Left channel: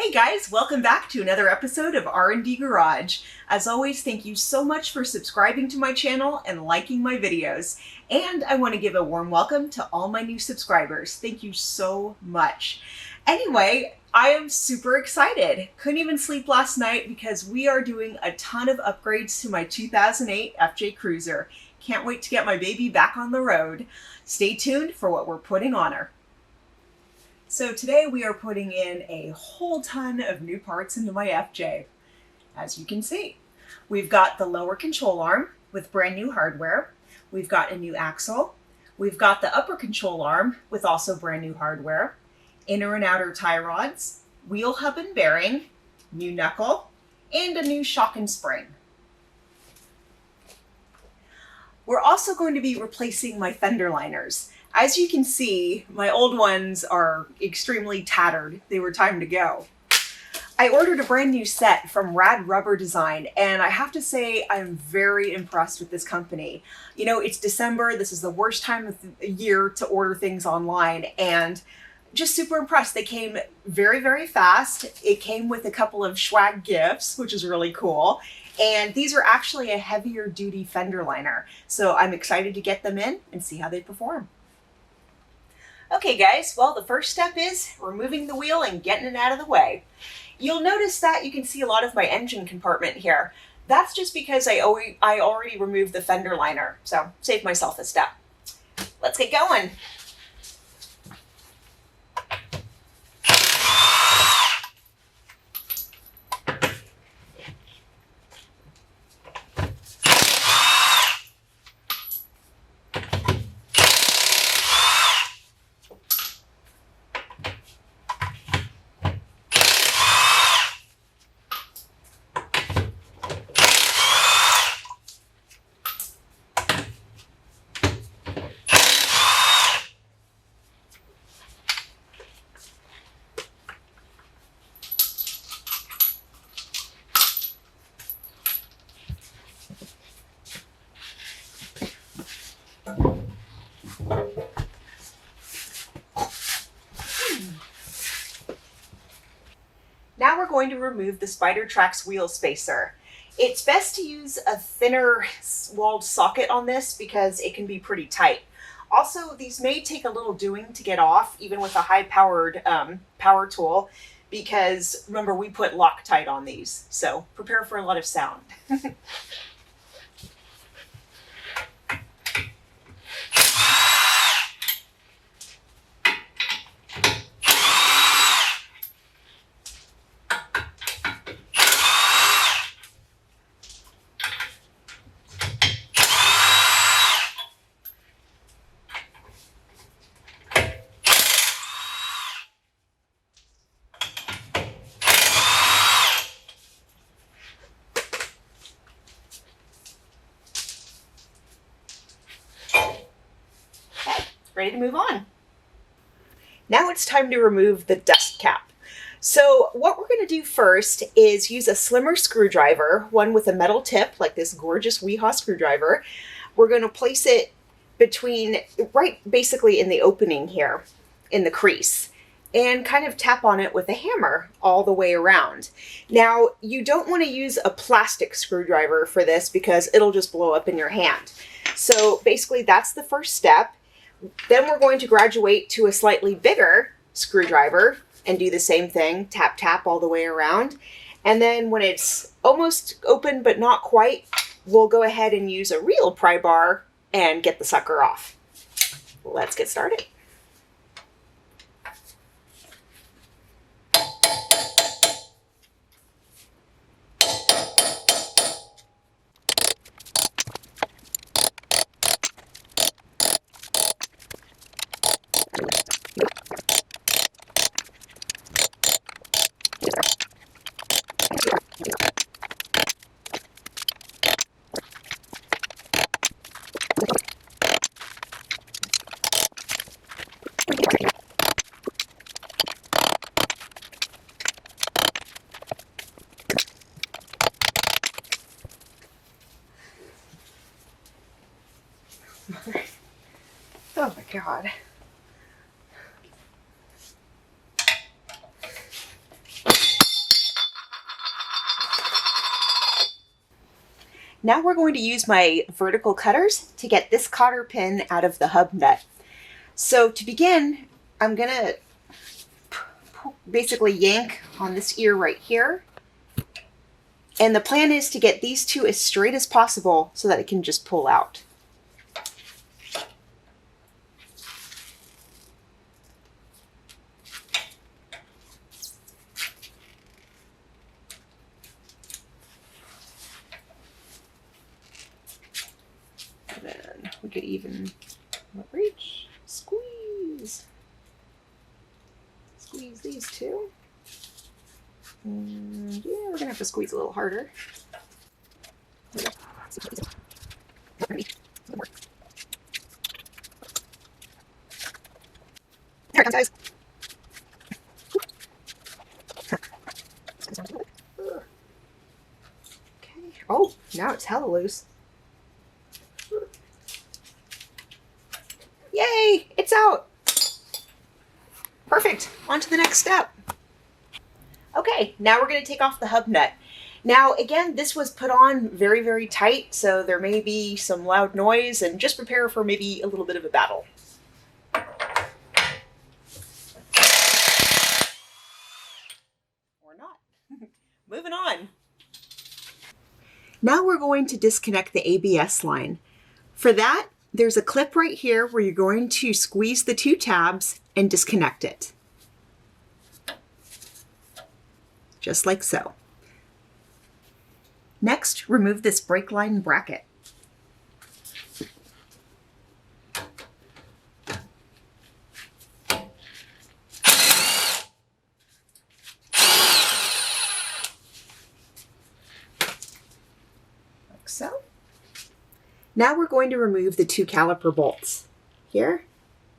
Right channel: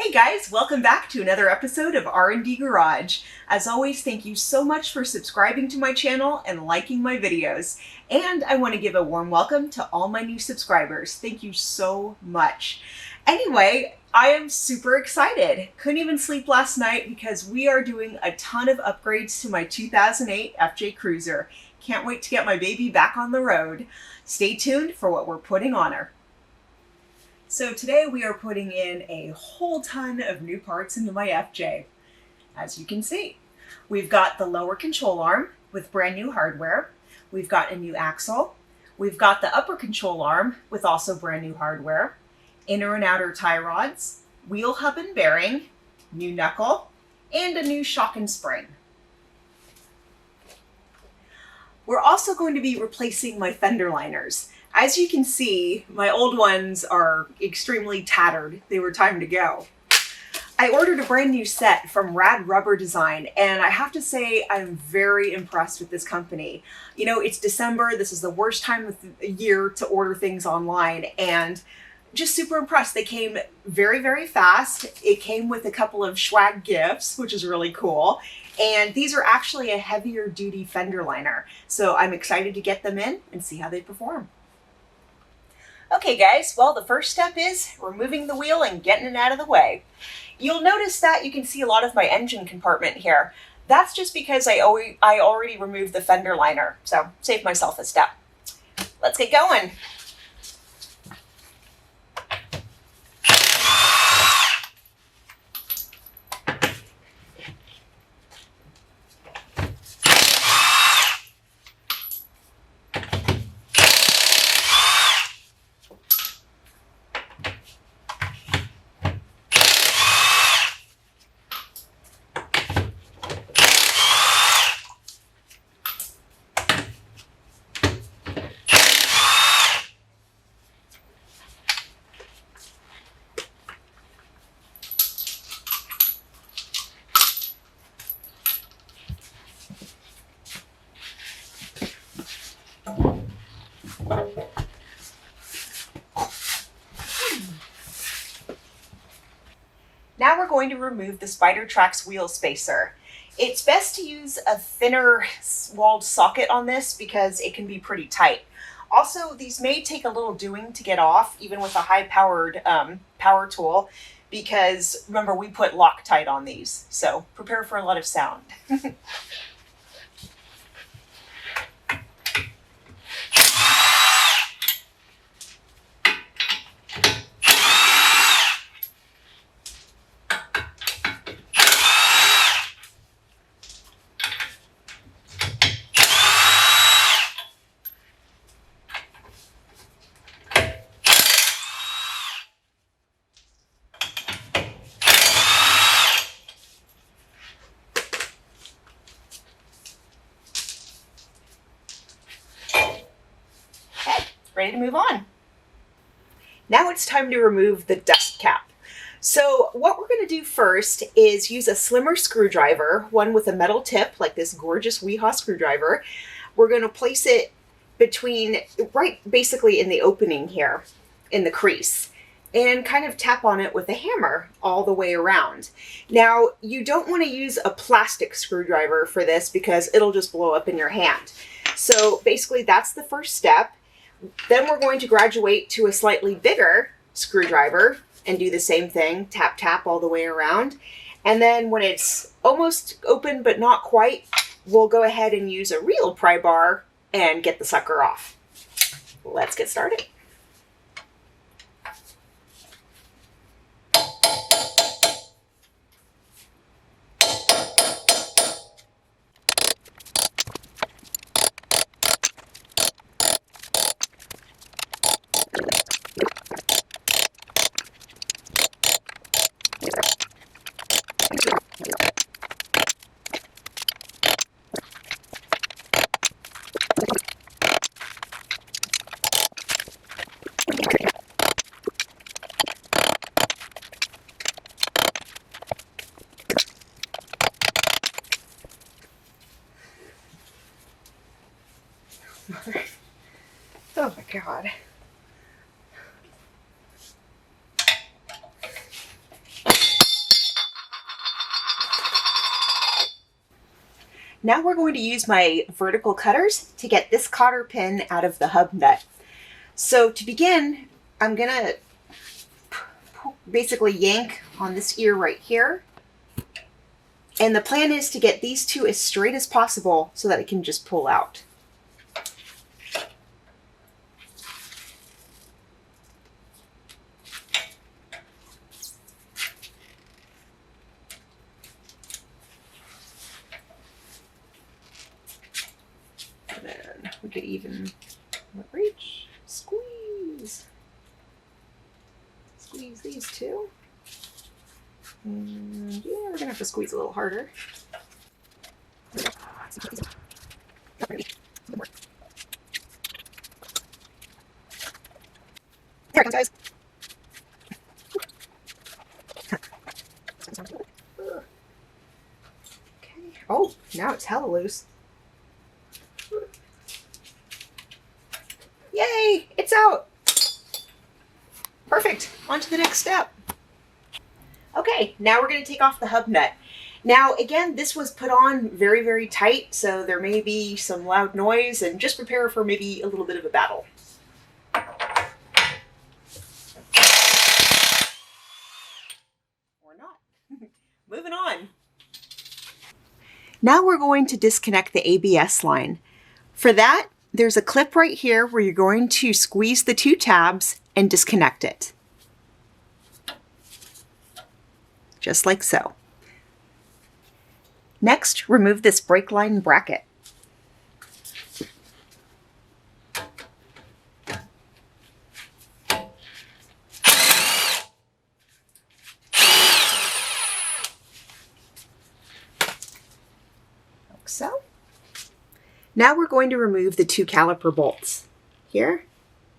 Hey guys, welcome back to another episode of R&D Garage. As always, thank you so much for subscribing to my channel and liking my videos. And I want to give a warm welcome to all my new subscribers. Thank you so much. Anyway, I am super excited. Couldn't even sleep last night because we are doing a ton of upgrades to my 2008 FJ Cruiser. Can't wait to get my baby back on the road. Stay tuned for what we're putting on her. So today we are putting in a whole ton of new parts into my FJ. As you can see, we've got the lower control arm with brand new hardware. We've got a new axle. We've got the upper control arm with also brand new hardware, inner and outer tie rods, wheel hub and bearing, new knuckle, and a new shock and spring. We're also going to be replacing my fender liners. As you can see, my old ones are extremely tattered. They were time to go. I ordered a brand new set from Rad Rubber Design, and I have to say I'm very impressed with this company. You know, it's December. This is the worst time of the year to order things online, and just super impressed. They came very, very fast. It came with a couple of swag gifts, which is really cool. And these are actually a heavier duty fender liner. So I'm excited to get them in and see how they perform. Okay guys, well the first step is removing the wheel and getting it out of the way. You'll notice that you can see a lot of my engine compartment here. That's just because I already removed the fender liner, so save myself a step. Let's get going. Now we're going to remove the Spider Trax wheel spacer. It's best to use a thinner walled socket on this because it can be pretty tight. Also, these may take a little doing to get off, even with a high-powered power tool, because remember, we put Loctite on these, so prepare for a lot of sound. Ready to move on. Now it's time to remove the dust cap. So what we're going to do first is use a slimmer screwdriver, one with a metal tip like this gorgeous Weehaw screwdriver. We're going to place it between, right basically in the opening here, in the crease, and kind of tap on it with a hammer all the way around. Now, you don't want to use a plastic screwdriver for this because it'll just blow up in your hand. So basically that's the first step. Then we're going to graduate to a slightly bigger screwdriver and do the same thing, tap, tap all the way around. And then when it's almost open but not quite, we'll go ahead and use a real pry bar and get the sucker off. Let's get started. Oh my God. Now we're going to use my vertical cutters to get this cotter pin out of the hub nut. So to begin, I'm going to basically yank on this ear right here. And the plan is to get these two as straight as possible so that it can just pull out. And then we could even reach, squeeze. Squeeze these two. And yeah, we're gonna have to squeeze a little harder. There it comes, guys. Okay. Oh, now it's hella loose. Yay! It's out! Perfect. On to the next step. Okay, now we're going to take off the hub nut. Now, again, this was put on very, very tight, so there may be some loud noise, and just prepare for maybe a little bit of a battle. Or not. Moving on. Now we're going to disconnect the ABS line. For that, there's a clip right here where you're going to squeeze the two tabs and disconnect it. Just like so. Next, remove this brake line bracket. Like so. Now we're going to remove the two caliper bolts, here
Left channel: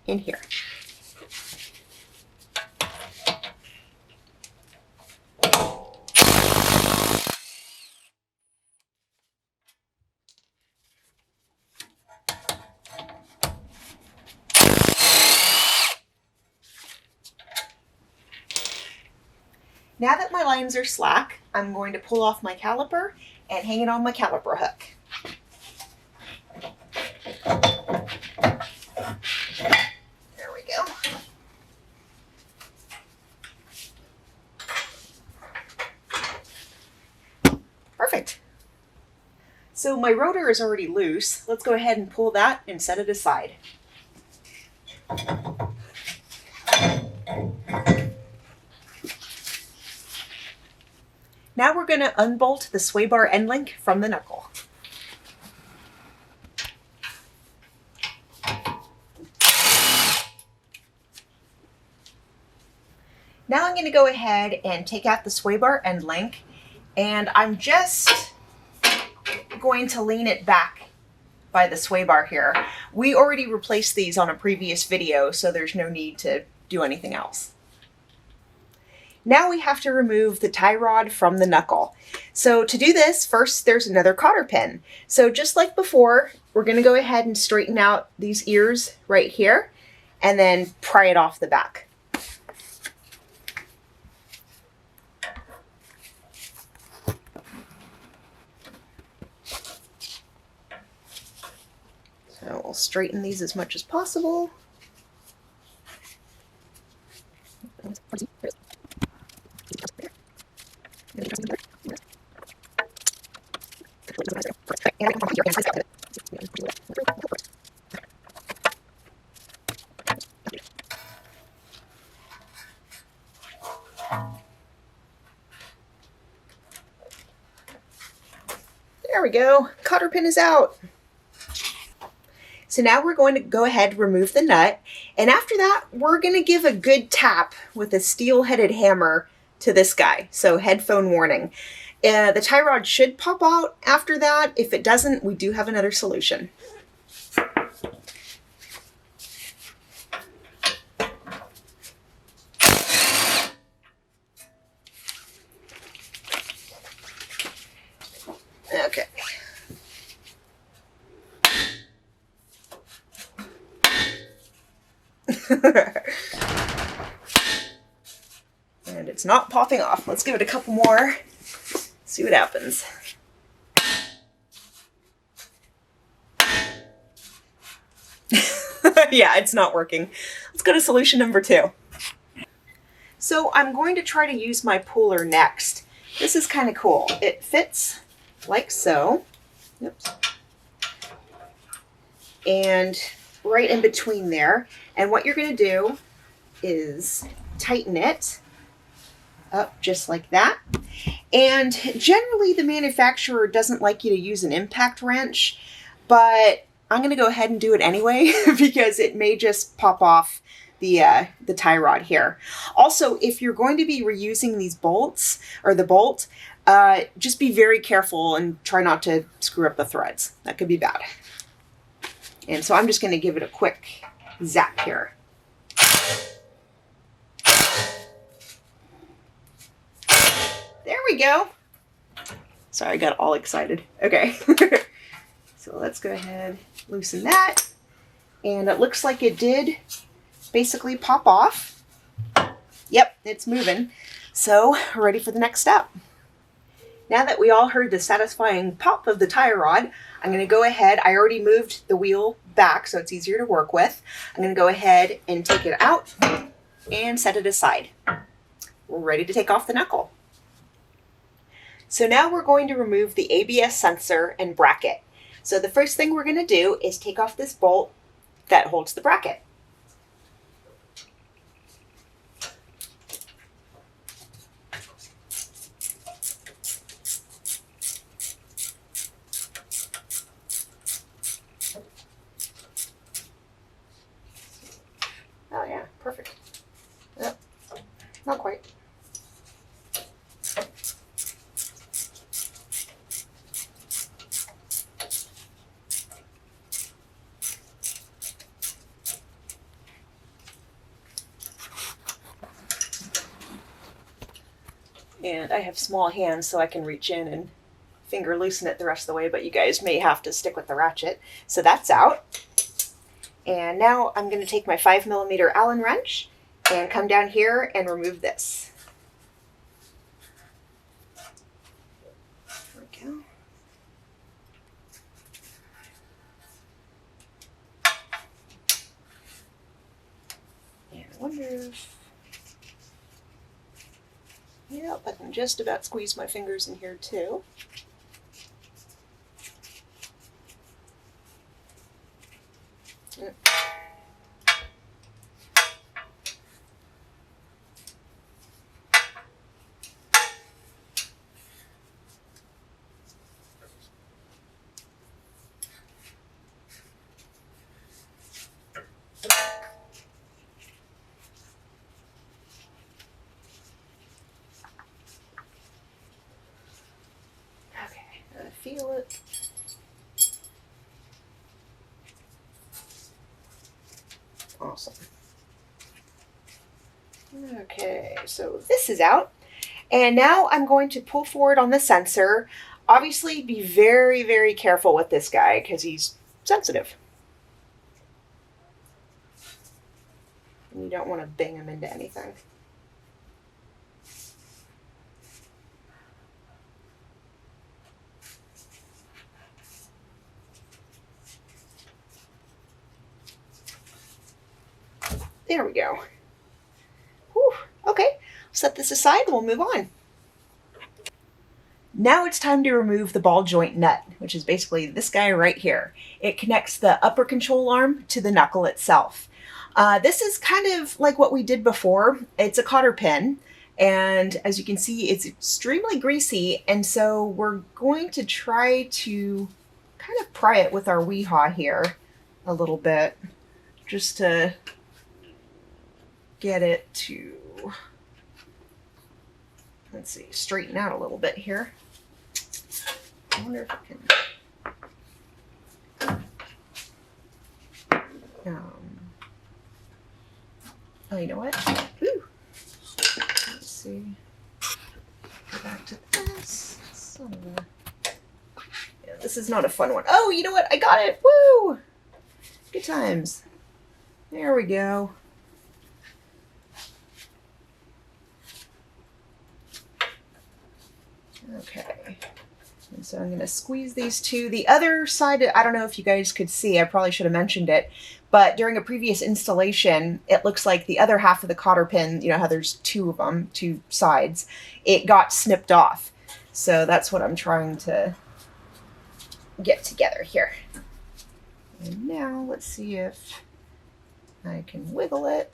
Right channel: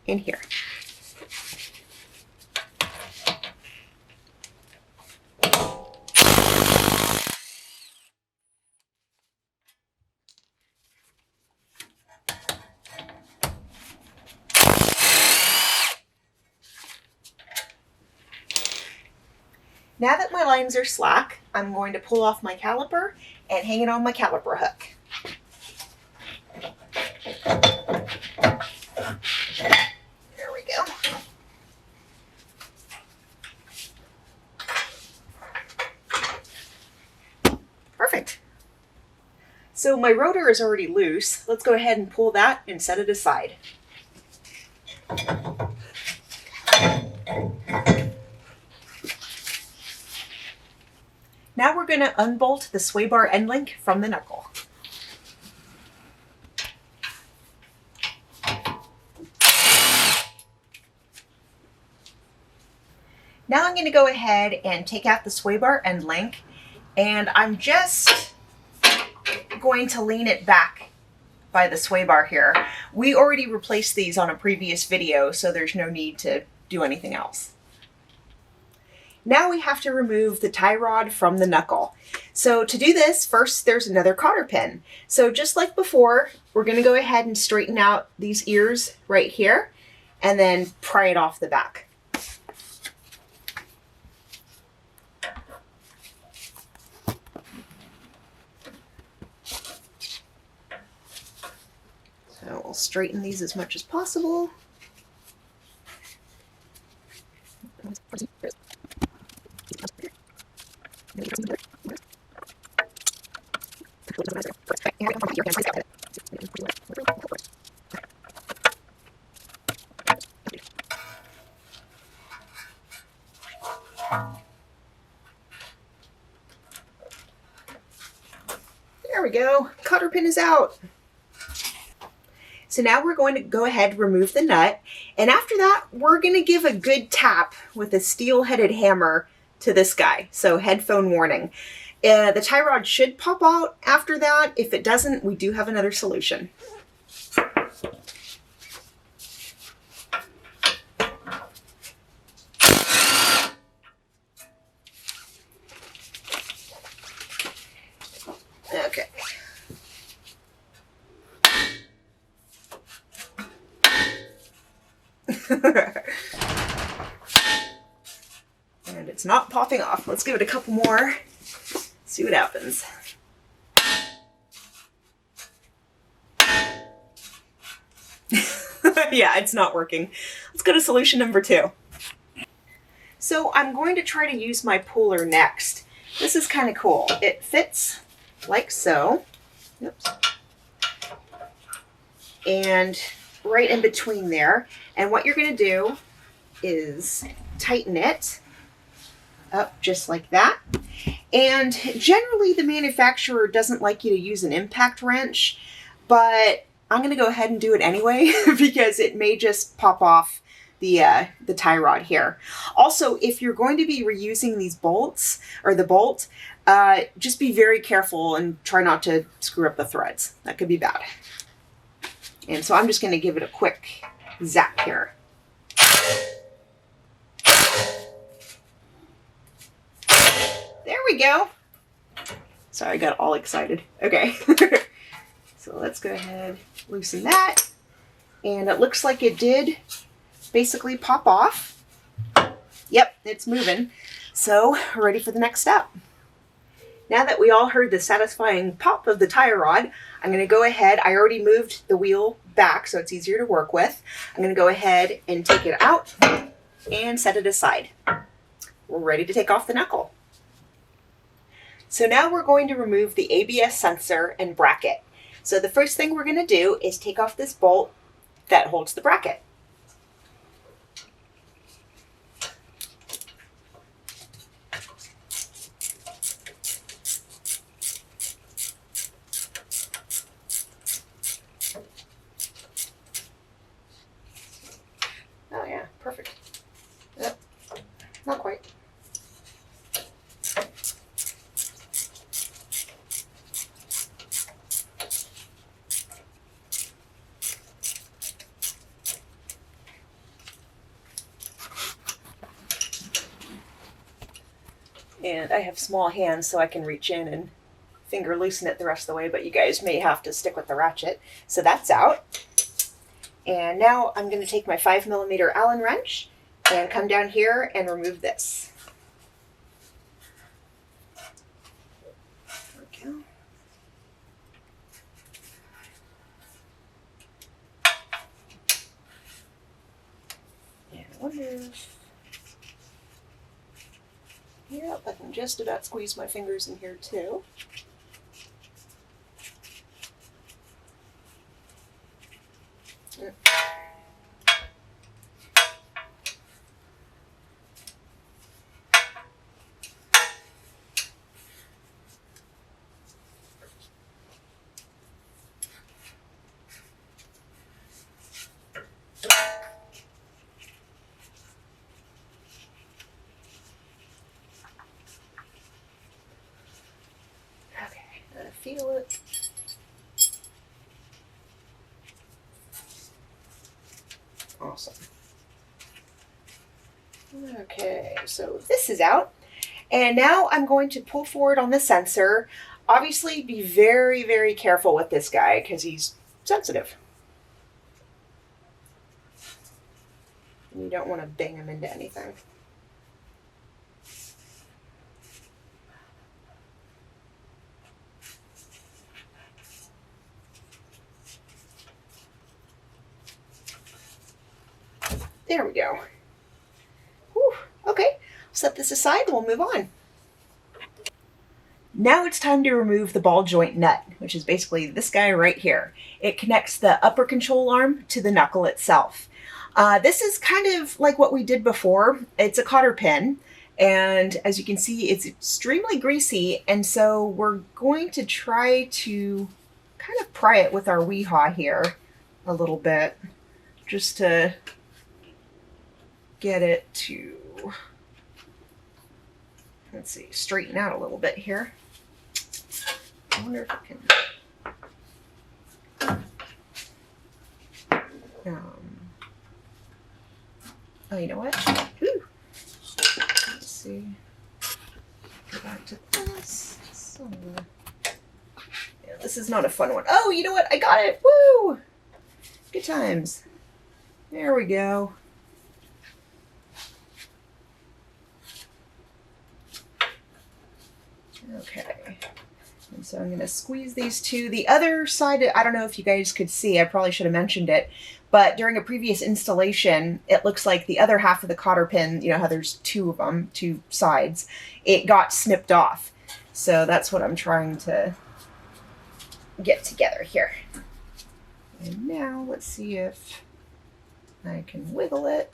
and here. Now that my lines are slack, I'm going to pull off my caliper and hang it on my caliper hook. There we go. Perfect. So my rotor is already loose. Let's go ahead and pull that and set it aside. Now we're going to unbolt the sway bar end link from the knuckle. Now I'm going to go ahead and take out the sway bar end link, and I'm just going to lean it back by the sway bar here. We already replaced these on a previous video, so there's no need to do anything else. Now we have to remove the tie rod from the knuckle. So to do this, first there's another cotter pin. So just like before, we're going to go ahead and straighten out these ears right here and then pry it off the back. So we'll straighten these as much as possible. There we go. Cotter pin is out. So now we're going to go ahead and remove the nut. And after that, we're going to give a good tap with a steel-headed hammer to this guy. So headphone warning. The tie rod should pop out after that. If it doesn't, we do have another solution. Okay. And it's not popping off. Let's give it a couple more. See what happens. Yeah, it's not working. Let's go to solution number 2. So I'm going to try to use my puller next. This is kind of cool. It fits like so. Oops. And right in between there. And what you're going to do is tighten it up just like that. And generally the manufacturer doesn't like you to use an impact wrench, but I'm going to go ahead and do it anyway because it may just pop off the tie rod here. Also, if you're going to be reusing these bolts or the bolt, just be very careful and try not to screw up the threads. That could be bad. And so I'm just going to give it a quick zap here. There we go. Sorry, I got all excited. Okay. So let's go ahead, loosen that. And it looks like it did basically pop off. Yep, it's moving. So we're ready for the next step. Now that we all heard the satisfying pop of the tie rod, I'm going to go ahead. I already moved the wheel back so it's easier to work with. I'm going to go ahead and take it out and set it aside. We're ready to take off the knuckle. So now we're going to remove the ABS sensor and bracket. So the first thing we're going to do is take off this bolt that holds the bracket. Oh yeah, perfect. Yep, not quite. And I have small hands so I can reach in and finger loosen it the rest of the way, but you guys may have to stick with the ratchet. So that's out. And now I'm going to take my 5mm Allen wrench and come down here and remove this. There we go. And I wonder if... Yep, I can just about squeeze my fingers in here too. Yep. Feel it. Awesome. Okay, so this is out. And now I'm going to pull forward on the sensor. Obviously, be very, very careful with this guy because he's sensitive. And you don't want to bang him into anything. There we go. Whew. Okay, set this aside, we'll move on. Now it's time to remove the ball joint nut, which is basically this guy right here. It connects the upper control arm to the knuckle itself. This is kind of like what we did before. It's a cotter pin, and as you can see, it's extremely greasy, and so we're going to try to kind of pry it with our weehaw here a little bit, just to get it to, let's see, straighten out a little bit here. I wonder if I can, oh, you know what? Ooh. Let's see, go back to this. Yeah, this is not a fun one. Oh, you know what? I got it. Woo! Good times. There we go. Okay, And so I'm going to squeeze these two. The other side, I don't know if you guys could see, I probably should have mentioned it, but during a previous installation, it looks like the other half of the cotter pin, you know how there's two of them, two sides, it got snipped off. So that's what I'm trying to get together here. And now let's see if I can wiggle it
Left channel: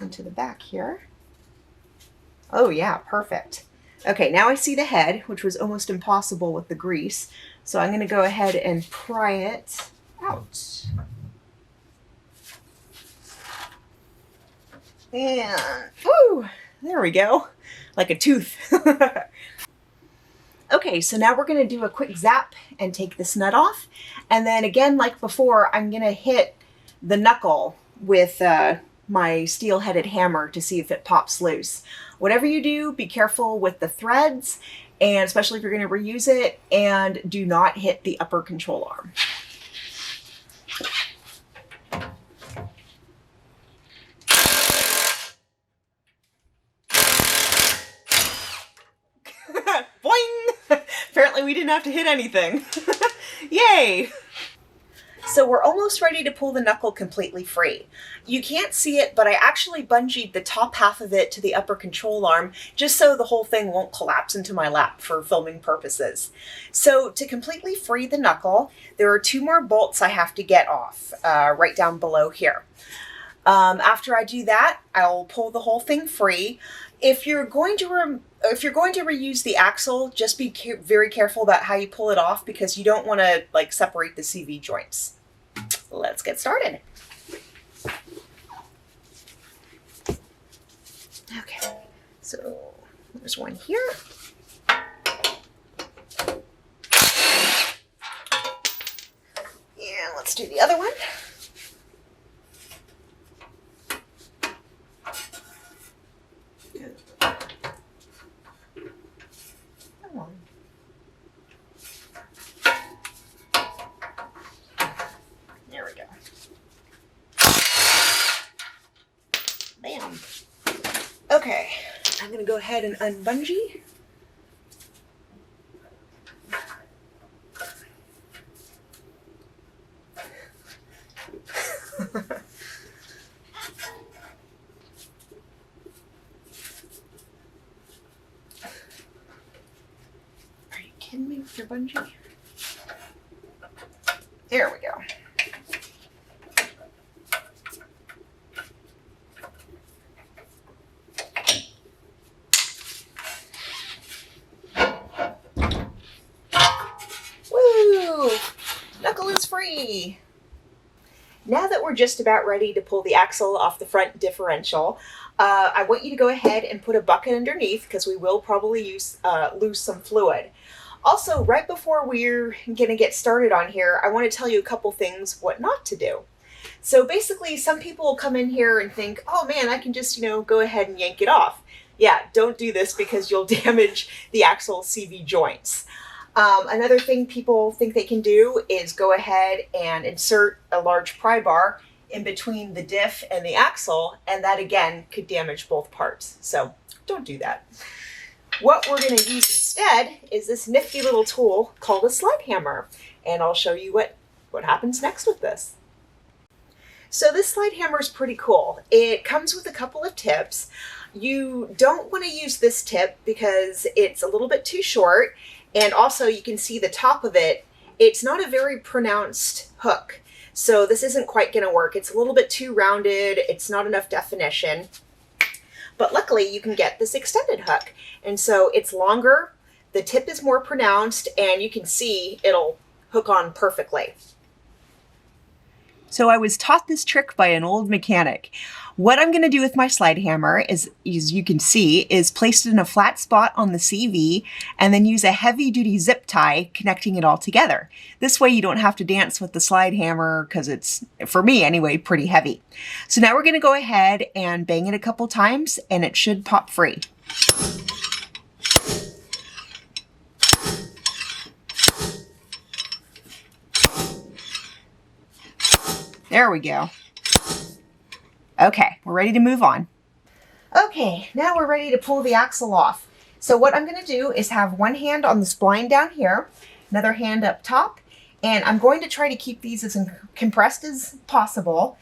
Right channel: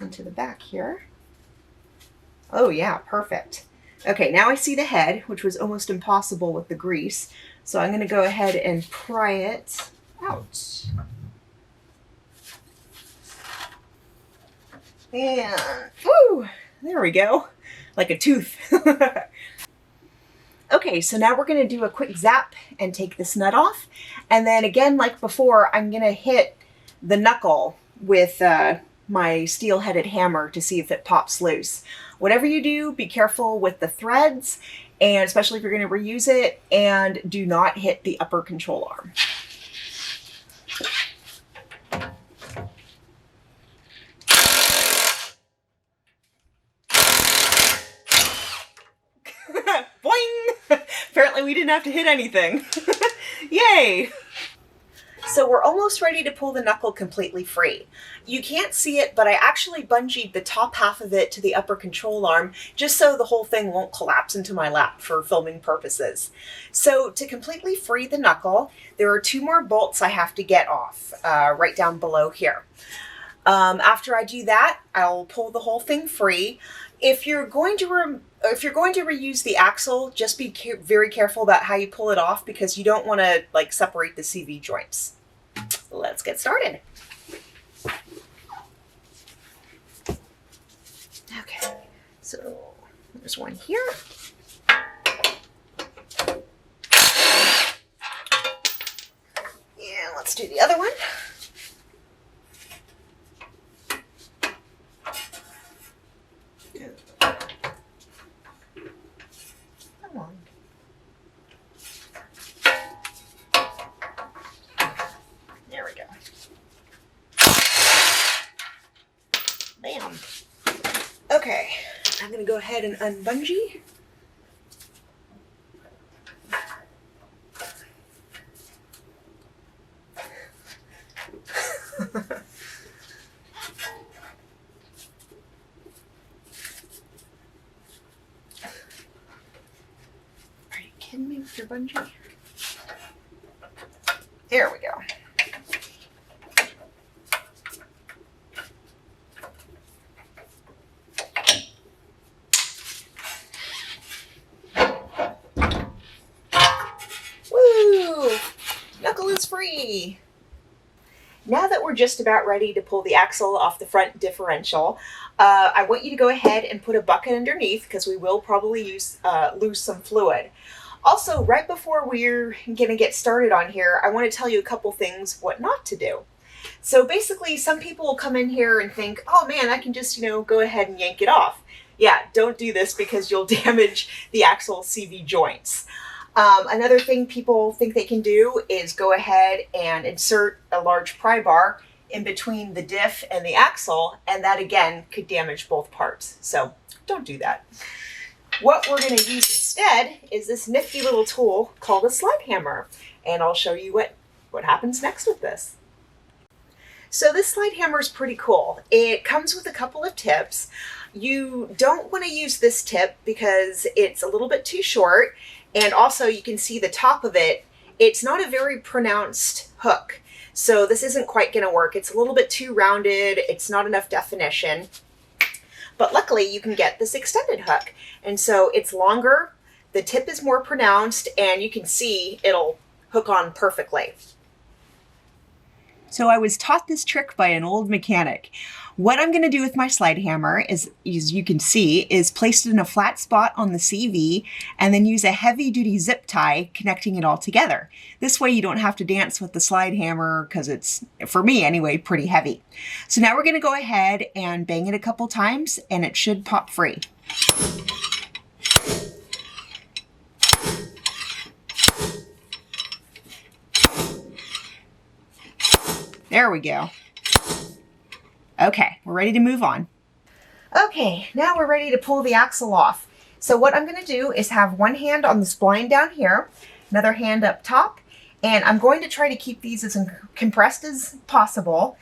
into the back here. Oh yeah, perfect. Okay, now I see the head, which was almost impossible with the grease. So I'm going to go ahead and pry it out. And, woo, there we go. Like a tooth. Okay, so now we're going to do a quick zap and take this nut off. And then again, like before, I'm going to hit the knuckle with my steel-headed hammer to see if it pops loose. Whatever you do, be careful with the threads, and especially if you're going to reuse it, and do not hit the upper control arm. Boing! Apparently we didn't have to hit anything. Yay! So we're almost ready to pull the knuckle completely free. You can't see it, but I actually bungeed the top half of it to the upper control arm just so the whole thing won't collapse into my lap for filming purposes. So to completely free the knuckle, there are two more bolts I have to get off right down below here. After I do that, I'll pull the whole thing free. If you're going to reuse the axle, just be very careful about how you pull it off because you don't want to like separate the CV joints. Let's get started. Okay, so there's one here. And let's do the other one. Come on. There we go. Bam. Okay, I'm gonna go ahead and unbungee. Are you kidding me with your bungee? There we go. Woo! Knuckle is free! Now that we're just about ready to pull the axle off the front differential, I want you to go ahead and put a bucket underneath because we will probably lose some fluid. Also, right before we're going to get started on here, I want to tell you a couple things what not to do. So basically, some people will come in here and think, oh man, I can just, go ahead and yank it off. Yeah, don't do this because you'll damage the axle CV joints. Another thing people think they can do is go ahead and insert a large pry bar in between the diff and the axle, and that again could damage both parts. So don't do that. What we're going to use instead is this nifty little tool called a slide hammer, and I'll show you what happens next with this. So this slide hammer is pretty cool. It comes with a couple of tips. You don't want to use this tip because it's a little bit too short. And also you can see the top of it, it's not a very pronounced hook. So this isn't quite going to work. It's a little bit too rounded. It's not enough definition. But luckily you can get this extended hook. And so it's longer, the tip is more pronounced, and you can see it'll hook on perfectly. So I was taught this trick by an old mechanic. What I'm going to do with my slide hammer is, as you can see, is place it in a flat spot on the CV and then use a heavy duty zip tie connecting it all together. This way you don't have to dance with the slide hammer because it's, for me anyway, pretty heavy. So now we're going to go ahead and bang it a couple times and it should pop free. There we go. Okay, we're ready to move on. Okay, now we're ready to pull the axle off. So what I'm going to do is have one hand on the spline down here, another hand up top, and I'm going to try to keep these as compressed as possible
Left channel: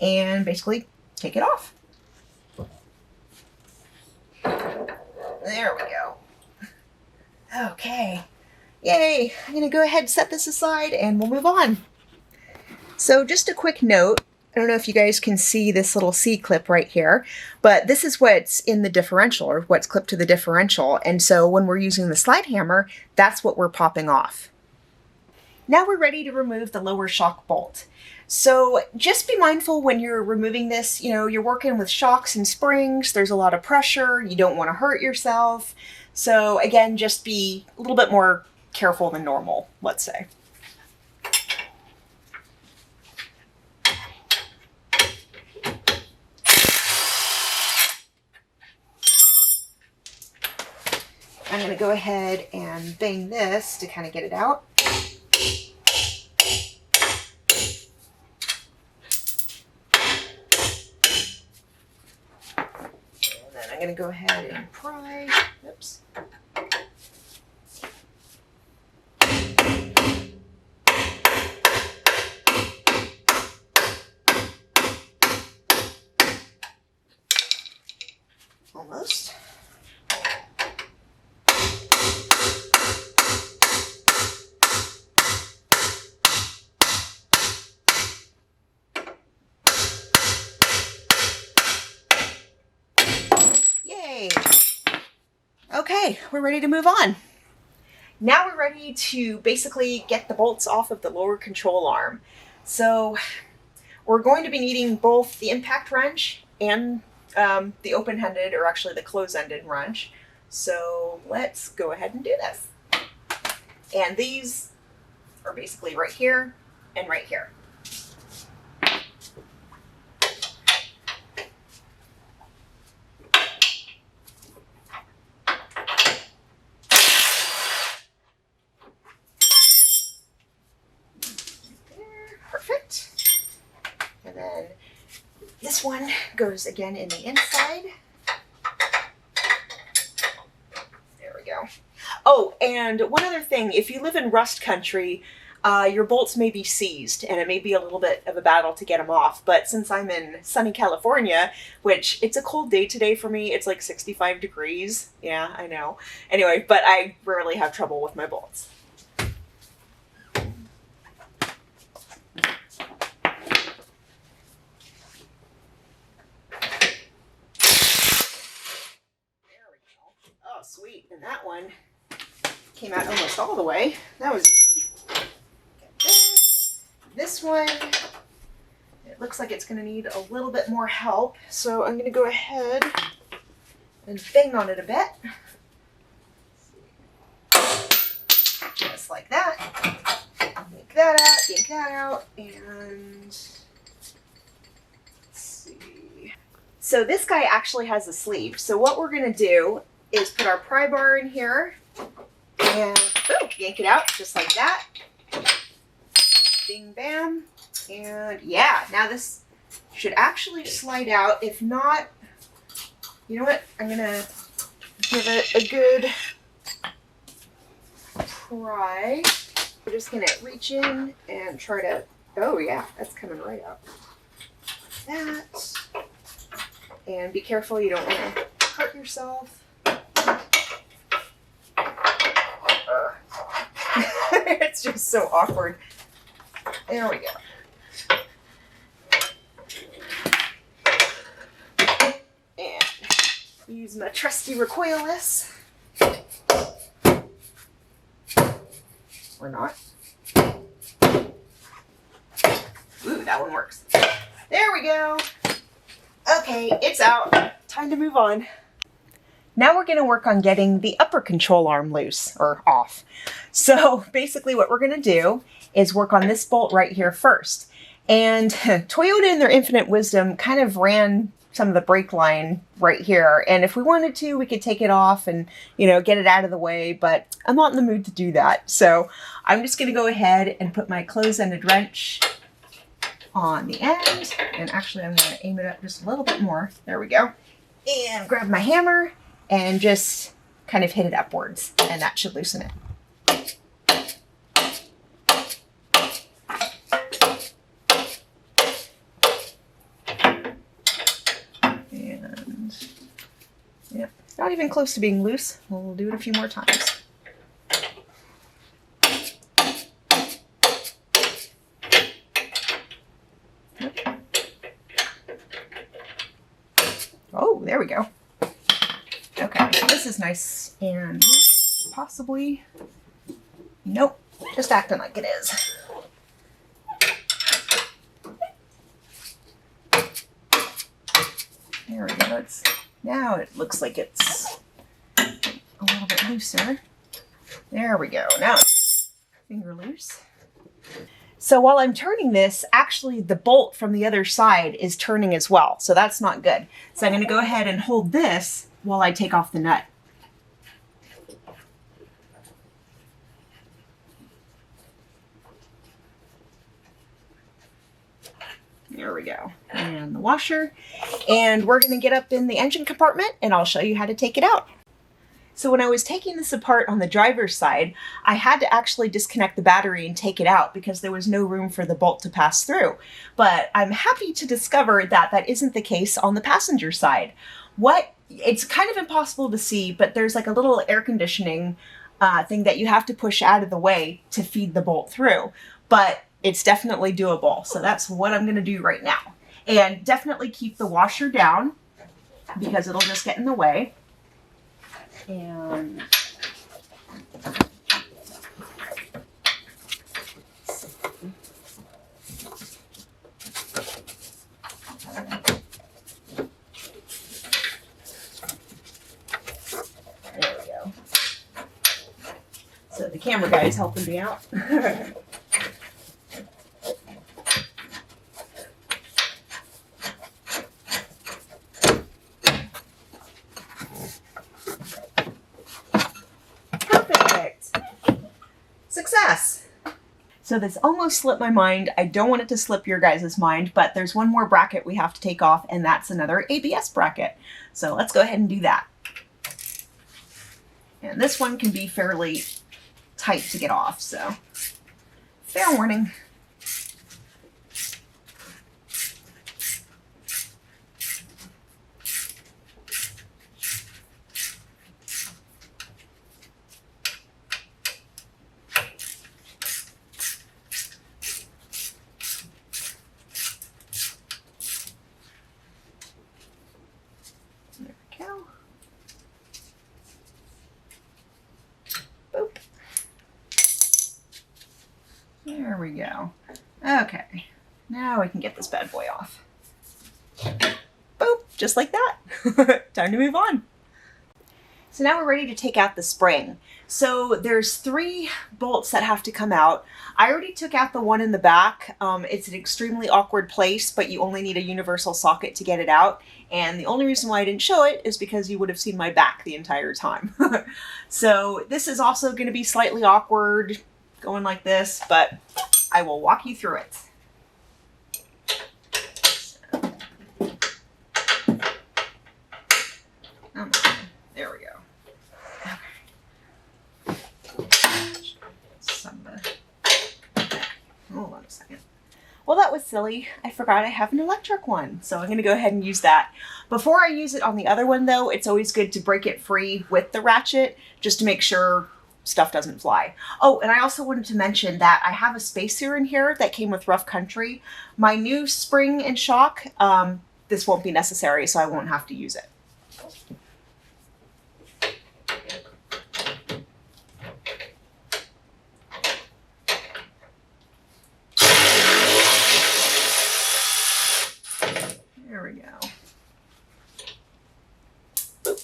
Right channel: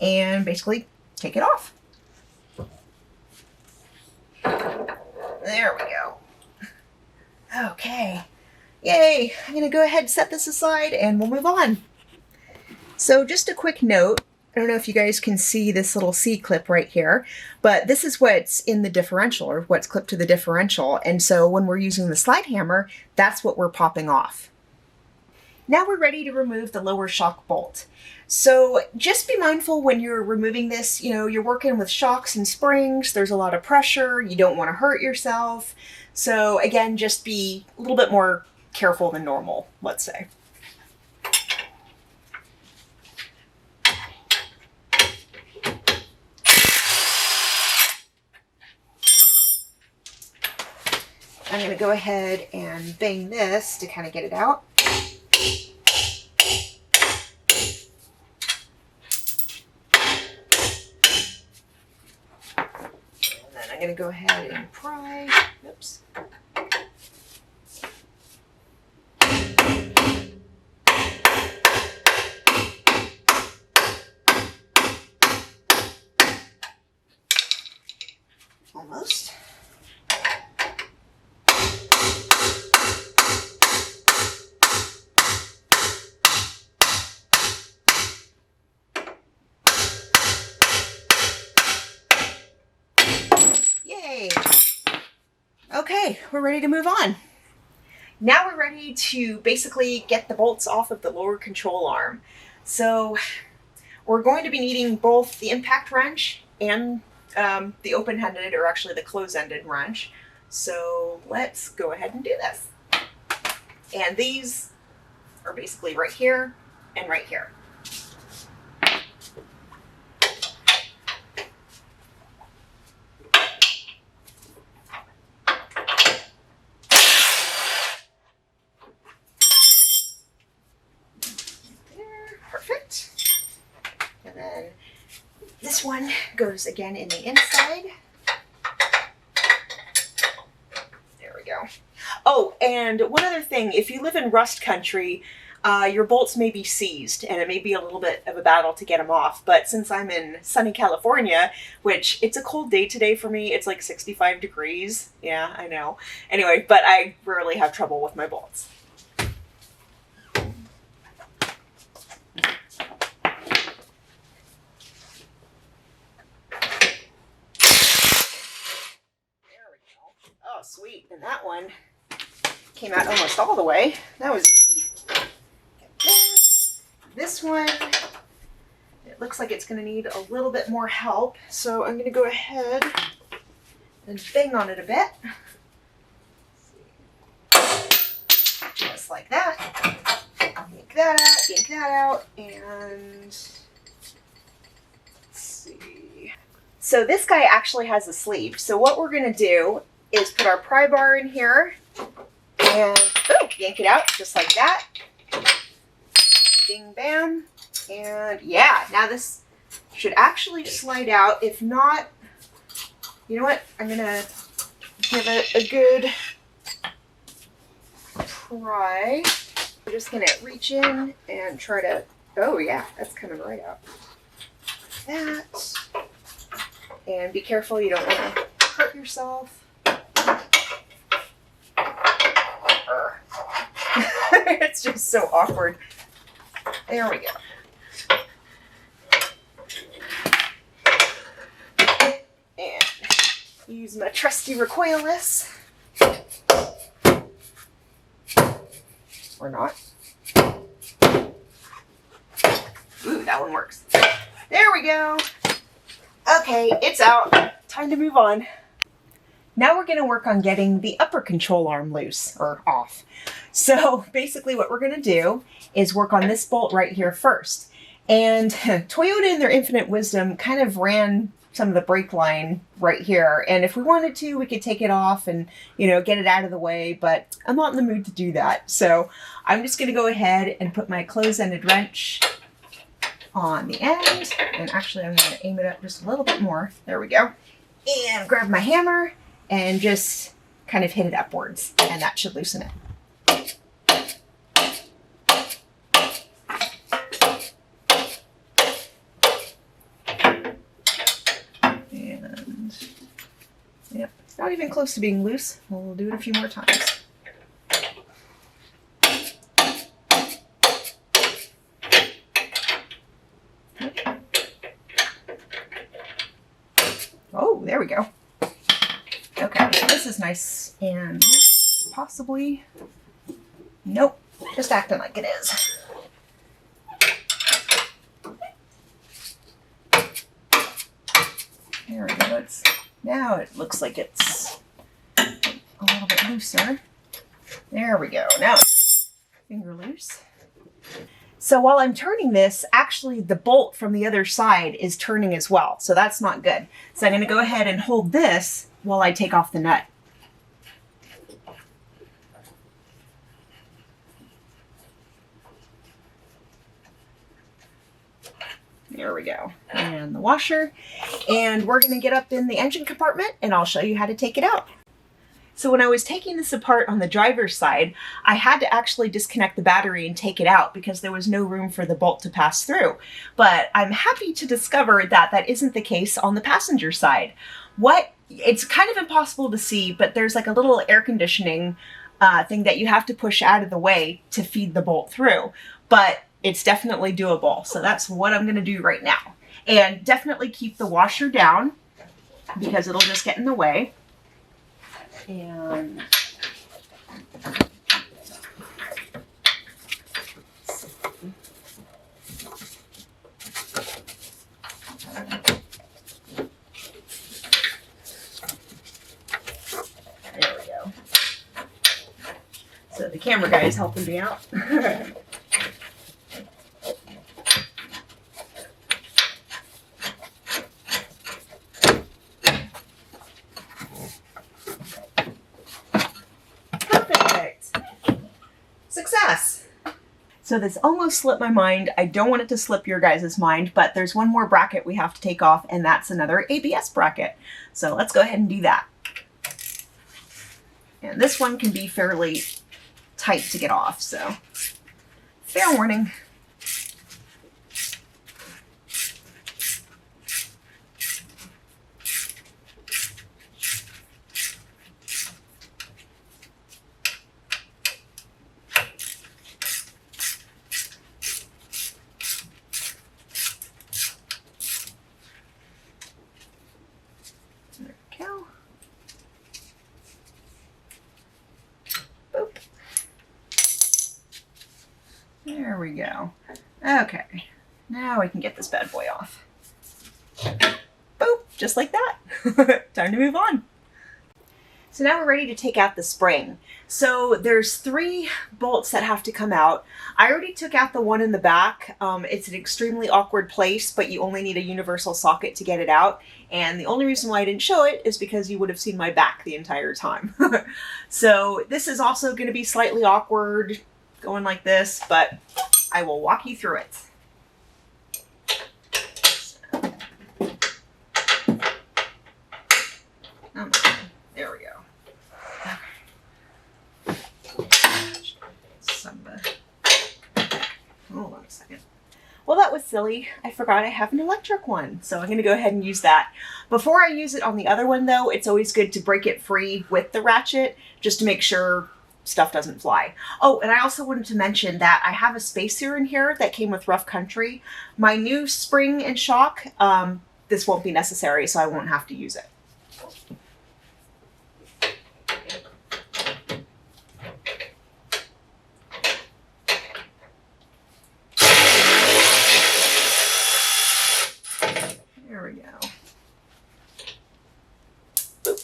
and basically take it off. There we go. Okay. Yay. I'm going to go ahead and set this aside and we'll move on. So just a quick note. I don't know if you guys can see this little C-clip right here, but this is what's in the differential, or what's clipped to the differential. And so when we're using the slide hammer, that's what we're popping off. Now we're ready to remove the lower shock bolt. So just be mindful when you're removing this, you're working with shocks and springs, there's a lot of pressure, you don't want to hurt yourself. So again, just be a little bit more careful than normal, let's say. I'm going to go ahead and bang this to kind of get it out. And then I'm going to go ahead and pry. Oops. Almost. Yay! Okay, we're ready to move on. Now we're ready to basically get the bolts off of the lower control arm. So we're going to be needing both the impact wrench and the open-ended, or actually the close-ended wrench. So let's go ahead and do this. And these are basically right here and right here. Perfect. And then this one goes again in the inside. There we go. Oh, and one other thing, if you live in rust country, your bolts may be seized and it may be a little bit of a battle to get them off. But since I'm in sunny California, which it's a cold day today for me, it's like 65 degrees. Yeah, I know. Anyway, but I rarely have trouble with my bolts. Sweet, and that one came out almost all the way. That was easy. This one, it looks like it's going to need a little bit more help, so I'm going to go ahead and bang on it a bit. Just like that. Yank that out, and let's see. So this guy actually has a sleeve, so what we're going to do is put our pry bar in here and yank it out just like that. Bing, bam. And yeah, now this should actually slide out. If not, you know what? I'm gonna give it a good pry. We're just gonna reach in and try to, oh yeah, that's coming right out. That. And be careful, you don't want to hurt yourself. It's just so awkward. There we go. And use my trusty recoilless. Or not. Ooh, that one works. There we go. Okay, it's out. Time to move on. Now we're going to work on getting the upper control arm loose, or off. So basically what we're going to do is work on this bolt right here first. And Toyota in their infinite wisdom kind of ran some of the brake line right here. And if we wanted to, we could take it off and, get it out of the way, but I'm not in the mood to do that. So I'm just going to go ahead and put my close-ended wrench on the end. And actually I'm going to aim it up just a little bit more. There we go. And grab my hammer and just kind of hit it upwards, and that should loosen it. And yep, not even close to being loose. We'll do it a few more times. Oh, there we go. Okay, this is nice and possibly, nope, just acting like it is. There we go. Now it looks like it's a little bit looser. There we go. Now finger loose. So while I'm turning this, actually the bolt from the other side is turning as well. So that's not good. So I'm going to go ahead and hold this while I take off the nut. There we go. And the washer. And we're going to get up in the engine compartment and I'll show you how to take it out. So when I was taking this apart on the driver's side, I had to actually disconnect the battery and take it out because there was no room for the bolt to pass through. But I'm happy to discover that that isn't the case on the passenger side. It's kind of impossible to see, but there's like a little air conditioning thing that you have to push out of the way to feed the bolt through. But it's definitely doable. So that's what I'm going to do right now. And definitely keep the washer down because it'll just get in the way. And there we go. So the camera guy is helping me out. Success! So this almost slipped my mind. I don't want it to slip your guys' mind, but there's one more bracket we have to take off, and that's another ABS bracket. So let's go ahead and do that. And this one can be fairly tight to get off, so fair warning. There we go. Okay, now we can get this bad boy off. Boop, just like that. Time to move on. So now we're ready to take out the spring. So there's 3 bolts that have to come out. I already took out the one in the back. It's an extremely awkward place, but you only need a universal socket to get it out. And the only reason why I didn't show it is because you would have seen my back the entire time. So this is also going to be slightly awkward, going like this, but I will walk you through it. There we go. Okay. Hold on a second. Well, that was silly. I forgot I have an electric one, so I'm going to go ahead and use that. Before I use it on the other one, though, it's always good to break it free with the ratchet, just to make sure stuff doesn't fly. Oh, and I also wanted to mention that I have a spacer in here that came with Rough Country. My new spring and shock, this won't be necessary, so I won't have to use it. There we go. Boop.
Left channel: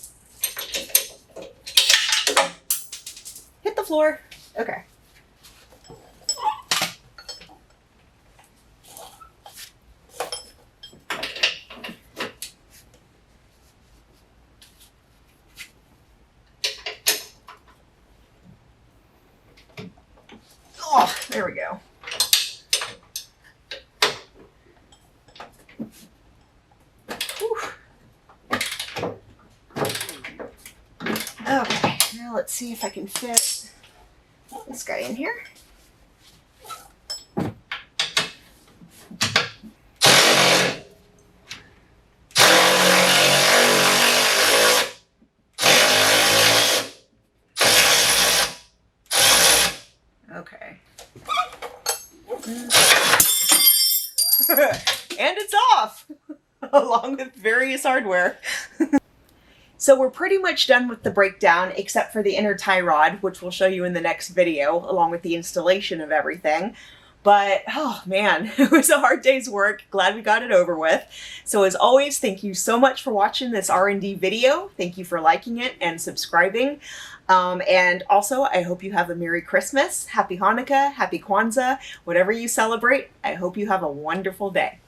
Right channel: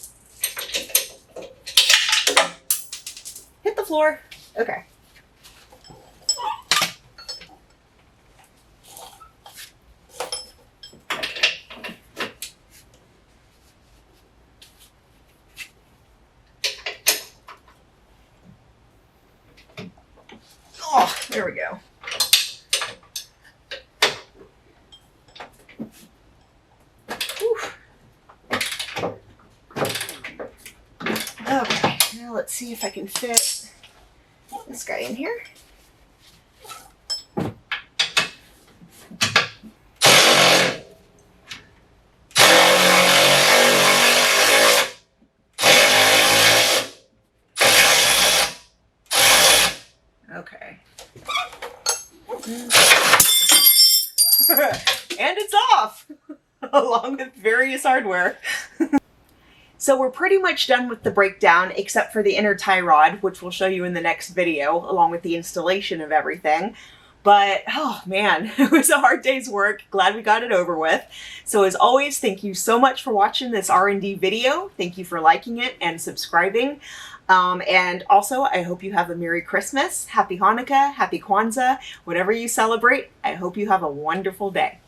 Hit the floor. Okay. Oh, there we go. Okay. Now let's see if I can fit this guy in here. Okay. And it's off, along with various hardware. So we're pretty much done with the breakdown, except for the inner tie rod, which we'll show you in the next video, along with the installation of everything. But, oh man, it was a hard day's work. Glad we got it over with. So as always, thank you so much for watching this R&D video. Thank you for liking it and subscribing. And also, I hope you have a Merry Christmas, Happy Hanukkah, Happy Kwanzaa, whatever you celebrate. I hope you have a wonderful day.